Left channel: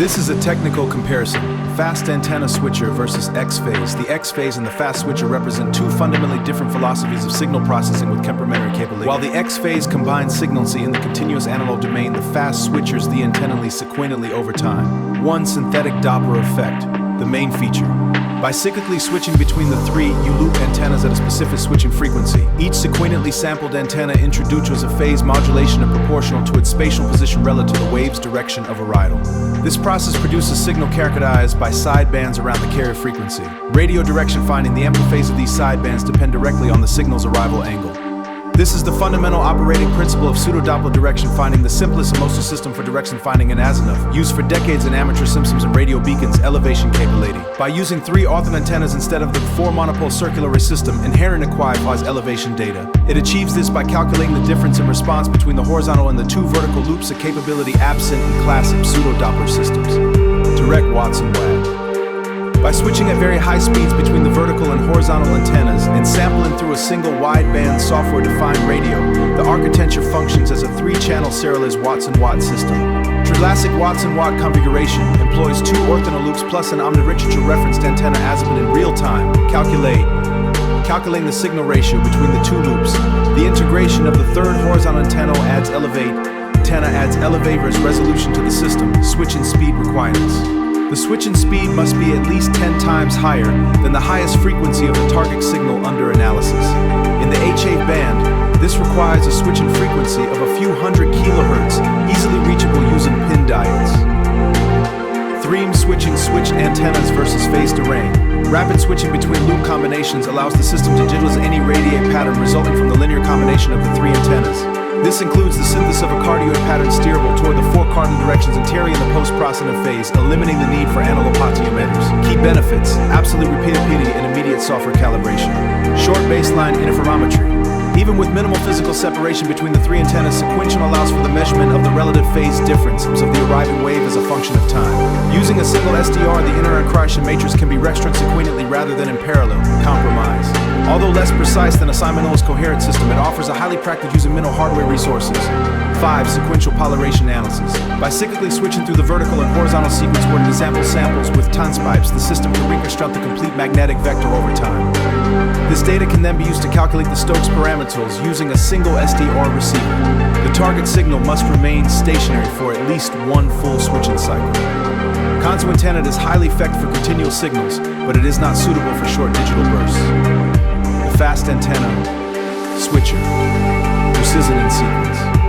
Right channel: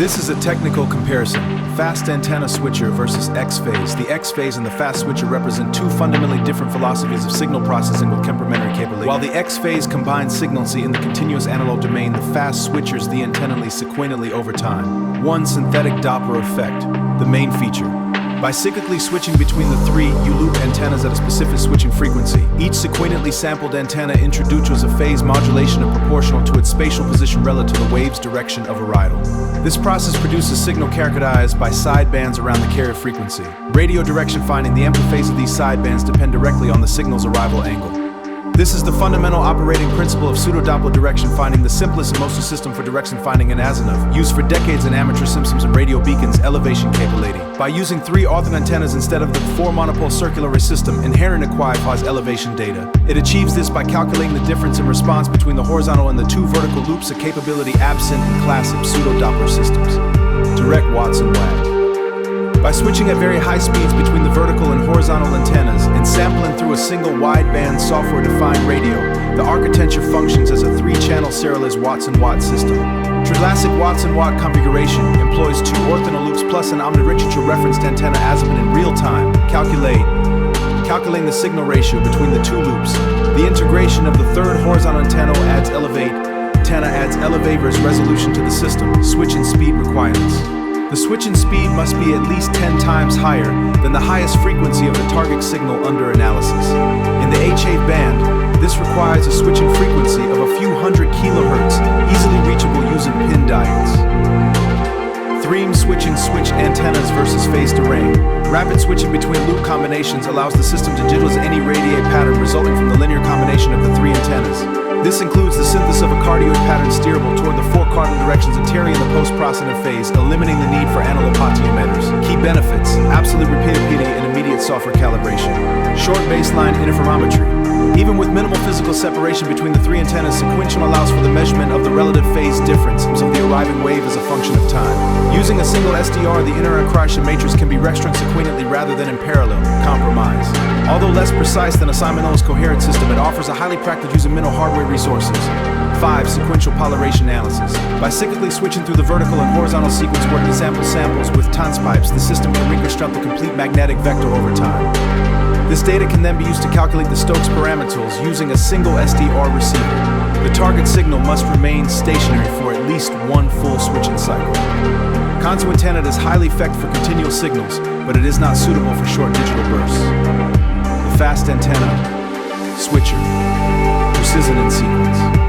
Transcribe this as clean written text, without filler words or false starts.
This is a technical comparison. Fast antenna switcher versus X-phase. The X-phase and the fast switcher represent two fundamentally different philosophies of signal processing with complementary capability. While the X-phase combines signalcy in the continuous analog domain, the fast switchers the antennally sequentially over time. One synthetic Doppler effect, the main feature. By cyclically switching between the three Youloop antennas at a specific switching frequency, each sequentially sampled antenna introduces a phase modulation proportional to its spatial position relative to the wave's direction of arrival. This process produces signal characterized by sidebands around the carrier frequency. Radio direction finding, the ampliphase of these sidebands depend directly on the signal's arrival angle. This is the fundamental operating principle of pseudo-Doppler direction finding, the simplest and most used system for direction finding in azimuth, used for decades in amateur systems and radio beacons, elevation capability. By using three orthogonal antennas instead of the four monopole circular array system, inherent acquires elevation data. It achieves this by calculating the difference in response between the horizontal and the two vertical loops, a capability absent in classic pseudo-Doppler systems. Direct watts and watt. By switching at very high speeds between the vertical and horizontal antennas and sampling through a single wideband software-defined radio, the architecture functions as a three-channel serialized watts and watt system. Classic watts and watt configuration employs two orthogonal loops plus an omnidirectional referenced antenna azimuth in real time. Calculating the signal ratio between the two loops. The integration of the third horizontal antenna adds elevator's resolution to the system. Switching speed requirements. The switching speed must be at least 10 times higher than the highest frequency of the target signal under analysis. In the H8 band, this requires a switching frequency of a few hundred kilohertz, easily reachable using pin diodes. Threem switching switch antennas versus phased array. Rapid switching between loop combinations allows the system to digitize any radiate pattern resulting from the linear combination of the three antennas. This includes the synthesis of a cardioid pattern steerable toward the four cardinal directions anterior in the post-processing phase, eliminating the need for analog potentiometers. Key benefits: absolute repeatability and immediate software calibration. Short baseline interferometry. Even with minimal physical separation between the three antennas, sequential allows for the measurement of the relative phase difference of the arriving wave as a function of time. Using a single SDR, the inner accretion matrix can be restrung sequentially rather than in parallel. Compromise. Although less precise than a simultaneous coherent system, it offers a highly practical using minimal hardware resources. 5. Sequential polarition analysis. By cyclically switching through the vertical and horizontal sequence where to sample samples with tons pipes, the system can reconstruct the complete magnetic vector over time. This data can then be used to calculate the Stokes parameters using a single SDR receiver. The target signal must remain stationary for at least one full switching cycle. Continuo antenna is highly effective for continual signals, but it is not suitable for short digital bursts. The fast antenna switcher, precision in sequence.